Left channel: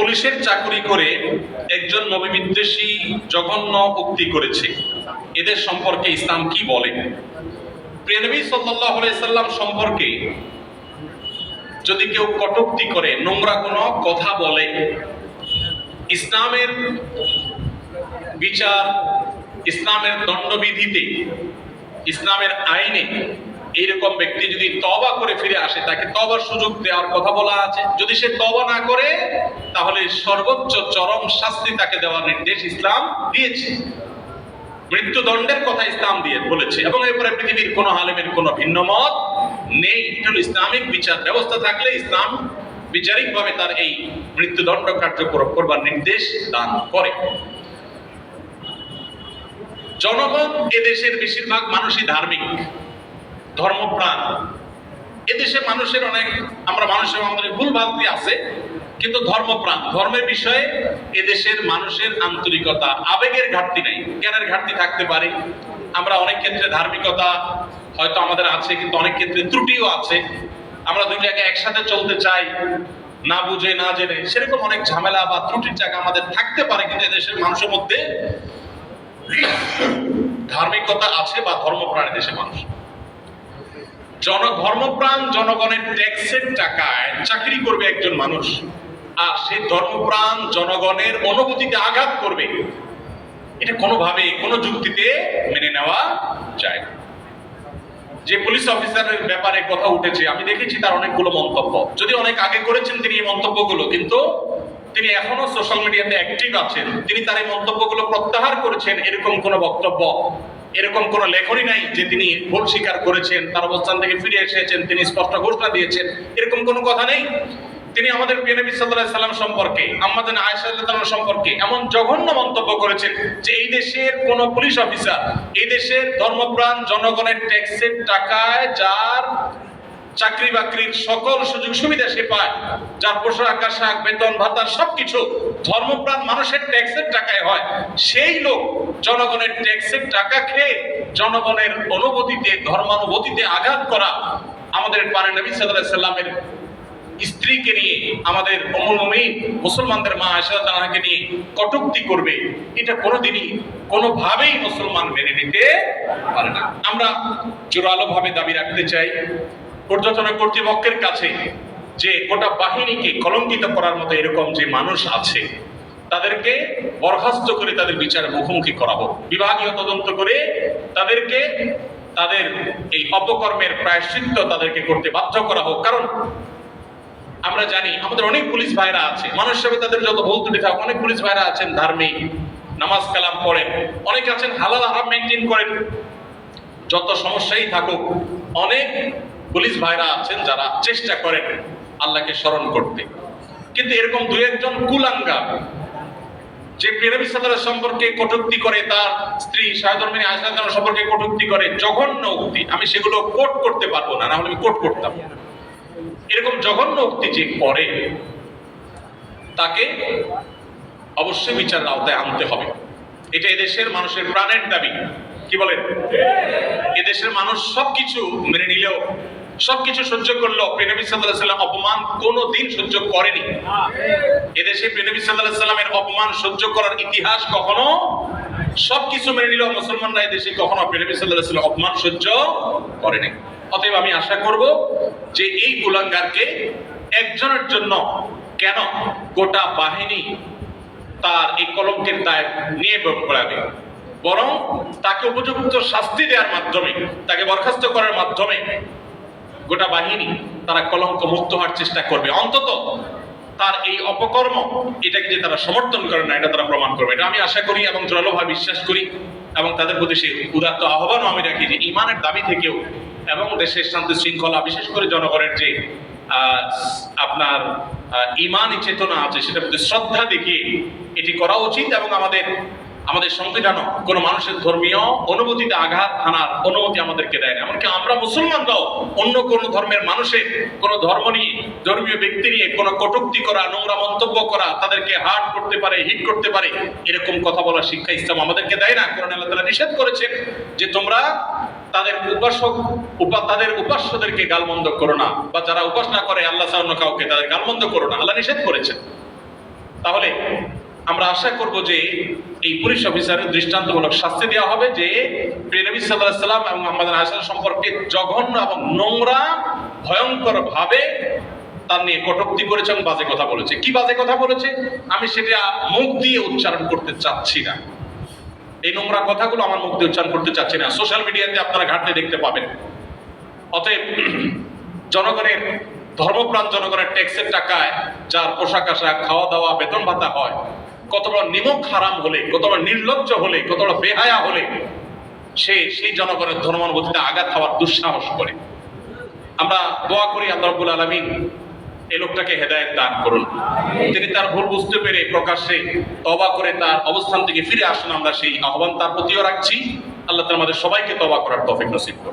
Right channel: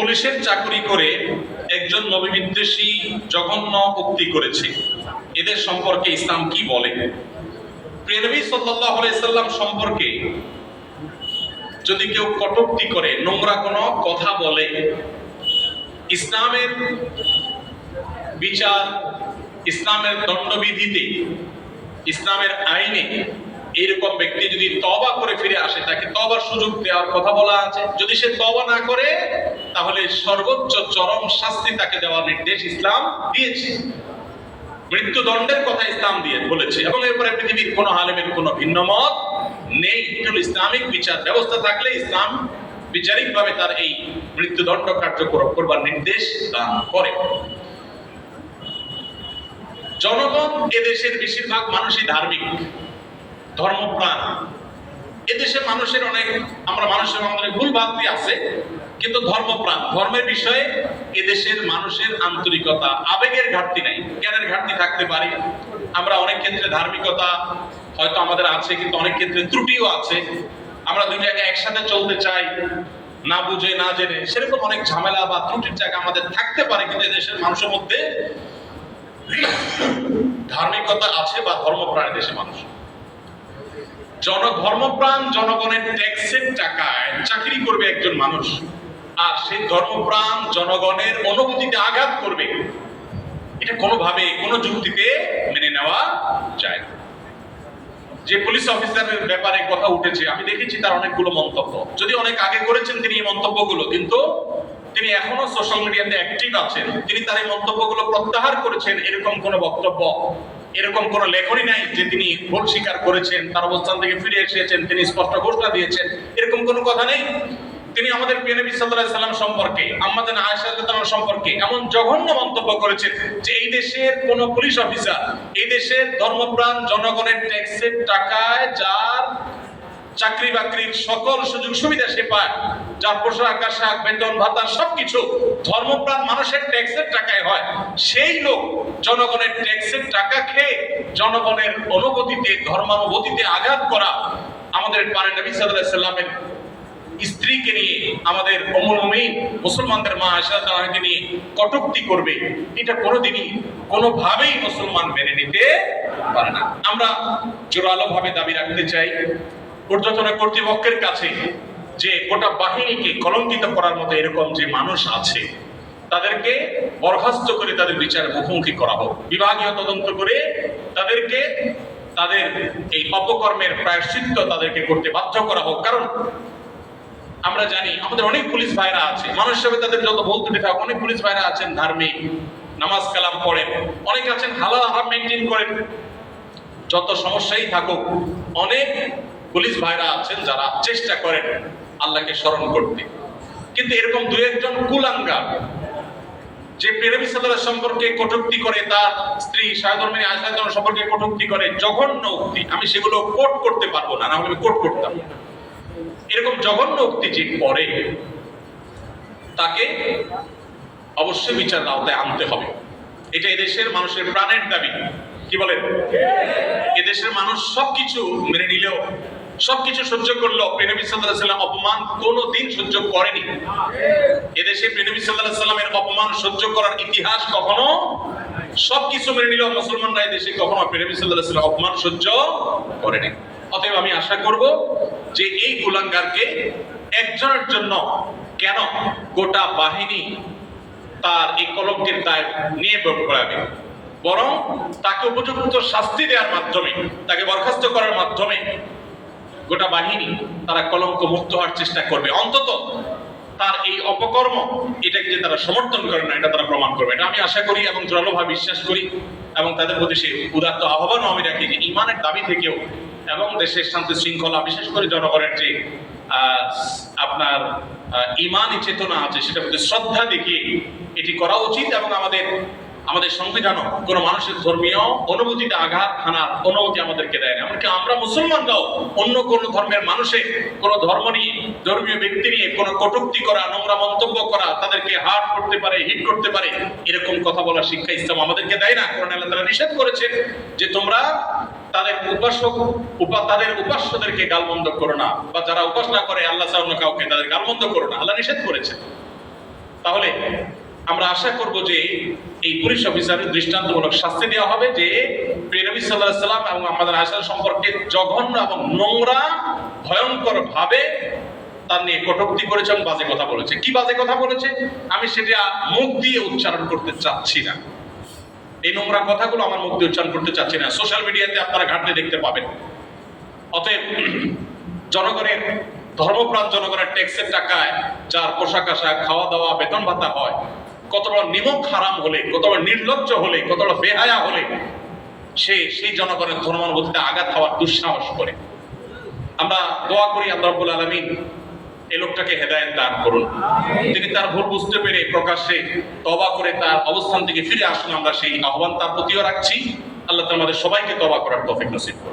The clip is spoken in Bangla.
পুলিশের চাকরি করে একজন নবী বিদ্বেষী জঘন্য উক্তি করেছে, এদের সম্পর্কে ইসলাম কি বলে? প্রিয় নবী সাল্লাল্লাহু আলাইহি সাল্লাম সম্পর্কে যদি কেউ কটূক্তি করে, নোংরা কোনো কথা বলে, ইসলামের বিচার, ইসলামের দণ্ডবিধিতে, ইসলামের আইনে এইরকম ব্যক্তি যদি তওবা করে ফিরে আসে, তাকে তওবার সুযোগ দেওয়ার কথা বলা আছে। যদি সে তওবা না করে, তাহলে সর্বোচ্চ চরম শাস্তি তাকে দেওয়ার নির্দেশ ইসলাম দিয়েছে। মৃত্যুদণ্ডের কথা ইসলাম দিয়ে বলেছে, এবং এরপরে পৃথিবীর কোন আলেমের কোনো ভিন্ন মত নেই। এটা ইসলামিক বিচার ব্যবস্থা থাকলে ইসলাম বিচারিকভাবে তার এই মৃত্যুদণ্ড কার্যকর করবার নির্দেশ দান করে। জনগণ এদেশের বেশিরভাগ মানুষই ধার্মিক, ধর্মপ্রাণ। এদেশে মানুষের মানুষের অনেক ভুল ভ্রান্তি আছে, কিন্তু ধর্মপ্রাণ, ধর্মের বিষয়ে এদেশের মানুষের আন্তরিকতা, আবেগের ঘাটতি নাই। জ্ঞানের ঘাটতি থাকতে পারে, আমরা অনেক ক্ষেত্রে ধার্মিকতা হয়তো আমাদের আছে, কিন্তু অনেক ক্ষেত্রে ত্রুটিও আছে। আমরা দুই জায়গায় একসাথে চলতে চাই, না বুঝে না জেনে, সেরকম অনেক ঝামেলা বা ত্রুটির জায়গা আমাদের থাকতে পারে। কিন্তু এদেশের মানুষের মধ্যে ধার্মিকতা আছে বা ধর্মপ্রাণ দেশের মানুষ। ধর্মপ্রাণ জনগণের ট্যাক্সের টাকায় চাকরি করবে একজন মানুষ, আর সেই ধর্মপ্রাণ জনগণের অনুভূতিতে আঘাত করবে, এটা কোনোভাবে কোনো যুক্তিতে মেনে নেওয়া যায় না। যে পুলিশ অফিসারের ব্যাপারে কথা উঠেছে, আমি দেখেছি তার অনেকগুলো মন্তব্য, যদি অনেক আগে করেছেন তিনি এই মন্তব্যগুলো, কিন্তু তিনি এখনো সোশ্যাল মিডিয়াতে অ্যাক্টিভ আছেন। তিনি তার এই মন্তব্যগুলো প্রত্যাহার করেছেন, এরকম কোনো বক্তব্য, এরকম কোনো লেখনী নাই যে তিনি ভুল স্বীকার করেছেন, তার অবস্থান থেকে ফিরে এসেছেন, তিনি স্পষ্ট ঘোষণা দিয়েছেন, এরকম কোনো কথা নেই। তিনি আমাদের প্রিয় নবী সাল্লাল্লাহু আলাইহি সাল্লাম সম্পর্কে, আমাদের আয়েশা রাদিয়াল্লাহু আনহা সম্পর্কে এমন জঘন্য মন্তব্য করেছেন যে এই দেশের কোন পুলিশ অফিসার, এই দেশের ধর্মপ্রাণ জনগণের ট্যাক্সের টাকায় যার চাকরি বাকরির সকল সুযোগ সুবিধা সে পায়, যার পোশাক আশাক বেতন ভাতা সবকিছু ধর্মপ্রাণ মানুষের ট্যাক্সের টাকায় হয়, সেই লোক জনগণের ট্যাক্সের টাকা খেয়ে জনগণের অনুভূতিতে, ধর্মানুভূতিতে আঘাত করা, আমাদের প্রাণের নবী সাল্লাল্লাহু আলাইহি সাল্লামের স্ত্রীকে নিয়ে, আমাদের উম্মুল মুমিনিন মুসলমানদের মা আয়েশা রাদিয়াল্লাহু আনহাকে নিয়ে কটূক্তি করবে, এটা কোনোদিনই কোনোভাবেই মুসলমান মেনে নিতে পারে না। আমরা জোরালোভাবে দাবি রাখতে চাই ঊর্ধ্বতন কর্তৃপক্ষের কাছে যে গোটা বাহিনীকে কলঙ্কিত করার মতো এরকম যে মানুষ আছে, তাদেরকে বরখাস্ত করে তাদের বিচারের মুখোমুখি করা হোক, বিভাগীয় তদন্ত করে তাদেরকে তাদের এই অপকর্মের প্রায়শ্চিত্ত তাদেরকে করতে বাধ্য করা হোক। কারণ আমরা জানি আমাদের অনেক পুলিশ ভাইরা আছে, মানুষ হিসেবে তাদের যত ভুল ত্রুটি থাকুক, অনেক পুলিশ ভাইরা আছেন ধার্মিক, নামাজ কালাম পড়েন, অনেক আছেন হালাল হারাম মেনটেন করেন। যত সমস্যাই থাকুক, অনেক পুলিশ ভাইরা আছেন যারা চেষ্টা করেন আল্লাহকে স্মরণ করতে। কিন্তু এরকম দুই একজন কুলাঙ্গার যে প্রিয় নবী সাল্লাল্লাহু আলাইহি সম্পর্কে কটূক্তি করে, তার স্ত্রী শাহাদুল আয়েশা রাদিয়াল্লাহু আনহা সম্পর্কে কটূক্তি করে, জঘন্য উক্তি, আমি সেগুলো কোট করতে পারবো না, হলে আমি কোট করতাম। এরকম জঘন্য উক্তি যে করে, তাকে অবশ্যই বিচার আওতায় আনতে হবে। এটা এদেশের মানুষের প্রাণের দাবি। কি বলেন? এদেশের মানুষ সবকিছু মেনে নিলেও, সবকিছু সহ্য করলেও প্রিয় নবী সাল্লাল্লাহু আলাইহি সাল্লাম অপমান কোনোদিন সহ্য করেনি। এদেশে প্রিয় নবী সাল্লাল্লাহু আলাইহি সাল্লামের অপমান সহ্য করার ইতিহাস কখনো, সবকিছু মেনে নিলেও মুসলমানরা এদেশে কখনো প্রিয় নবী সাল্লাল্লাহু আলাইহি সাল্লাম অপমান সহ্য করেনি। অতএব আমি আশা করব যে এই কুলাঙ্গারকে একজনের জন্য কেন গোটা বাহিনী তার এই কলঙ্কের দায় নিয়ে পড়াবে, বরং তাকে উপযুক্ত শাস্তি দেওয়ার মাধ্যমে, তাকে বরখাস্ত করার মাধ্যমে গোটা বাহিনী তারা কলঙ্ক মুক্ত হওয়ার চেষ্টা করবে। অন্তত তার এই অপকর্ম, এটাকে যে তারা সমর্থন করে না, এটা তারা প্রমাণ করবে। এটা আমি আশা করি এবং জোরালোভাবে বিশ্বাস করি, এবং তাদের প্রতি সেই উদাত্ত আহ্বানও আমি রাখি যে ইমানের দাবি থেকেও এবং দেশের শান্তি শৃঙ্খলা, বিশেষ করে জনগণের যে আপনার ইমানি চেতনা আছে, সেটার প্রতি শ্রদ্ধা দেখিয়ে এটি করা উচিত। এবং আমাদের সংবিধানও কোনো মানুষের ধর্মীয় অনুভূতিতে আঘাত হানার অনুমতি আমাদেরকে দেয় না। এমনকি আমরা মুসলমানরাও অন্য কোনো ধর্মের মানুষের কোনো ধর্ম নিয়ে, ধর্মীয় ব্যক্তি নিয়ে কোনো কটূক্তি করা, নোংরা মন্তব্য করা, তাদেরকে হার্ট করতে পারে, হিট করতে পারে, এরকম কথা বলার শিক্ষা ইসলাম আমাদেরকে দেয় না। কোরআনে আল্লাহ তাআলা নিষেধ করেছেন যে তোমরা তাদের উপাস্যদেরকে গালমন্দ করো না, বা যারা উপাসনা করে আল্লাহ ছাড়া অন্য কাউকে, তাদের গালমন্দ করো না, আল্লাহ নিষেধ করেছেন। আমরা আশা করব যে এই পুলিশ অফিসারের দৃষ্টান্তমূলক শাস্তি দেওয়া হবে যে প্রিয় নবী সাল্লাল্লাহু আলাইহি সাল্লাম এবং আমাদের আয়েশা সম্পর্কে জঘন্য এবং নোংরা ভয়ঙ্কর ভাবে তার নিয়ে কটূক্তি করেছেন, বাজে কথা বলেছে। কি বাজে কথা বলেছে আমি সেটা মুখ দিয়ে উচ্চারণ করতে চাচ্ছি না, এই নোংরা কথাগুলো আমার মুখ দিয়ে উচ্চারণ করতে চাচ্ছি না, সোশ্যাল মিডিয়াতে আপনারা ঘাটলে দেখতে পাবেন। অতএব জনগণের ধর্মপ্রাণ জনগণের ট্যাক্সের টাকায় যার পোশাক আশাক খাওয়া দাওয়া বেতন ভাতা হয়, কত বড় নিমক হারাম হলে, কত বড় নির্লজ্জ হলে, কত বড় বেহায়া হলে সে সেই জনগণের ধর্মানুভূতিতে আঘাত খাওয়ার দুঃসাহস করে। আমরা দোয়া করি আল্লাহ রাব্বুল আলামিন এই লোকটাকে হেদায়েত দান করুন, তিনি তার ভুল বুঝতে পেরে প্রকাশ্যে তওবা করে তার অবস্থান থেকে ফিরে আসুন। আমরা সেই আহ্বান তার প্রতিও রাখছি। আল্লাহ তাআলা আমাদের সবাইকে তওবা করার তৌফিক নসিব করুন।